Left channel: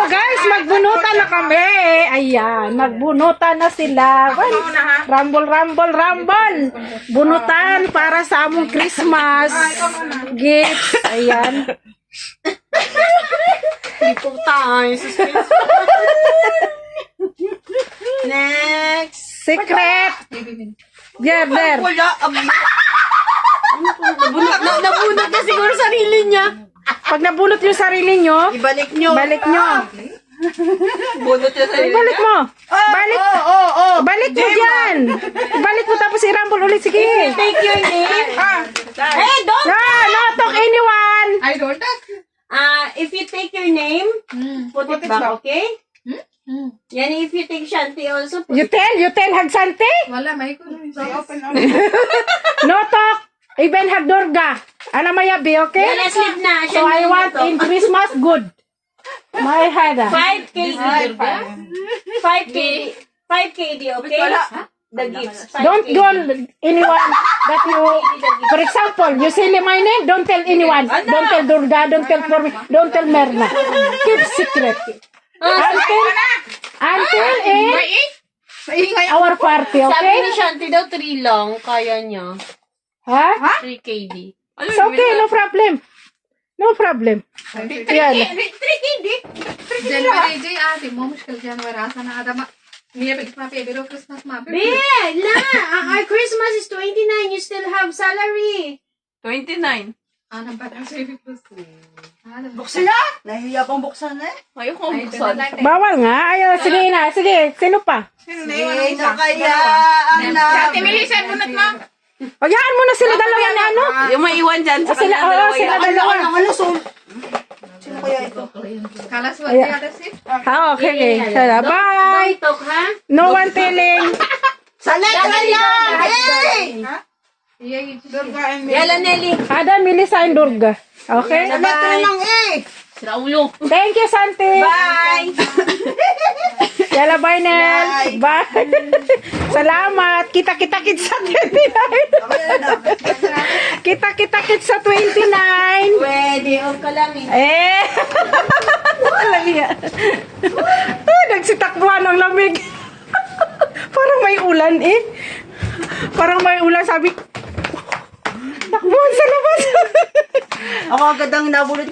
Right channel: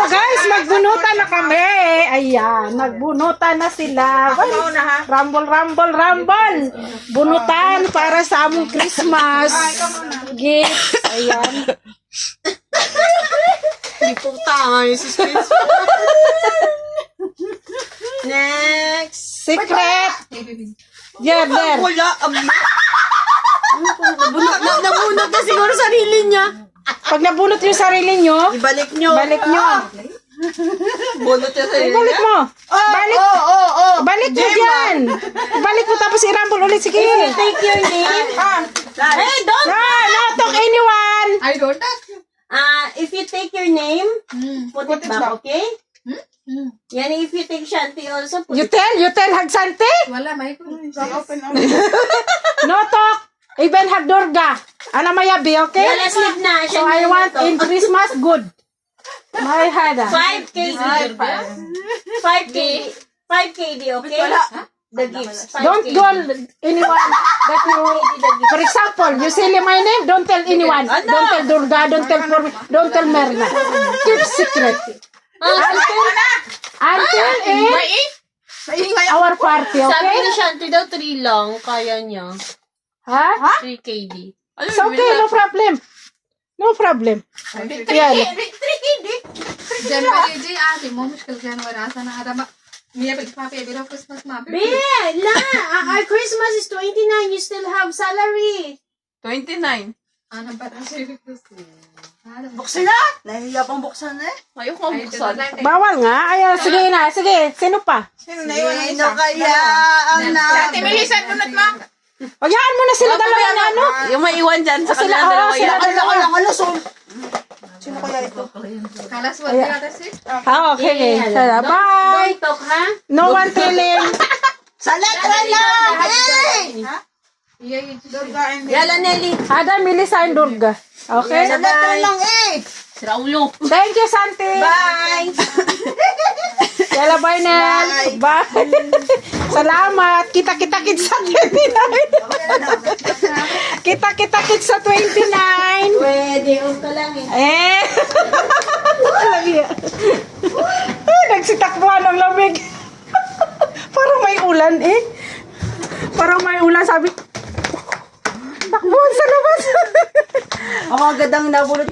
mo guys, magbunutan na kami. Ayan, magbunutan na sila. Rumble, rumble, rumble. Bunutan para sa among Christmas gift. Ayan. Hindi po tayo. Suspense. Next. Secret. There. Nabunot na siguro sarili niya. Pag nabunot yung sarili nyo, Ibalik nyo. balik mo. Bunot niya sarili Balik mo. Balik. Balik mo dyan. Balik mo tapos i-rumble ulit. Sige. Take your name. Hey, don't. No, talk anyone. I don't talk. If you take your name, put it back, okay? Yan, if you take Shanti also, put You tell Hagsante. Wala, may ko. No talk. Even Hagdurga. Ano mayabi, okay? Yeah, let's leave na. So I want in Christmas good. My hada. 5 KD. 5 KD, okay? The gifts. 5 Don't KD. tell anyone that you, for example, you say my name, don't tell anyone. Don't tell Durga, don't tell for me, don't tell Merna. Keep secret. Until in our party, Sabi okay? ni Shanti daw 3 lang, kaya niya. Ha? 3 KD. It's okay, no problem. No problem. Yan. जनवरी जी आते मो मुश्किल जनवरी आसा ना आदा मैं पे बेरो क्रिसमस मा पे Our Christmas is 29. You still have salary. 29. आना बता से Buksan na! Nahihiya pang buksan na eh. Ayoko buksan. Bawal nga. Ayaw, sige na. Sige, sino pa? Sino kaya ang na... Ate Melissa bunot mo Hayaan mo na sila dalawa na ano? Yung may iwan dyan sa Sila, sila dalawa. Sino kaya ito? kalas mo dia ate si Okay. Kaya, bye. Don't talk, ha? No one telling. Sa letra lang! ये Yala, Nelly. Ada, Melissa, and Durga. Okay? Sa letra lang eh! Si Raulo. Thank you, Santi. Bye! Yala, bye, Nel. Bye. Salamat. Kita-kita-kit sa 29. Kita-kita-kit sa 29. Pwede, off ka lang eh. Nagsitakbuhan ng lamig. Parang may ulan eh. Parang may ulan, sabi. Takbuhan sa labas. Ako agad ang nabulot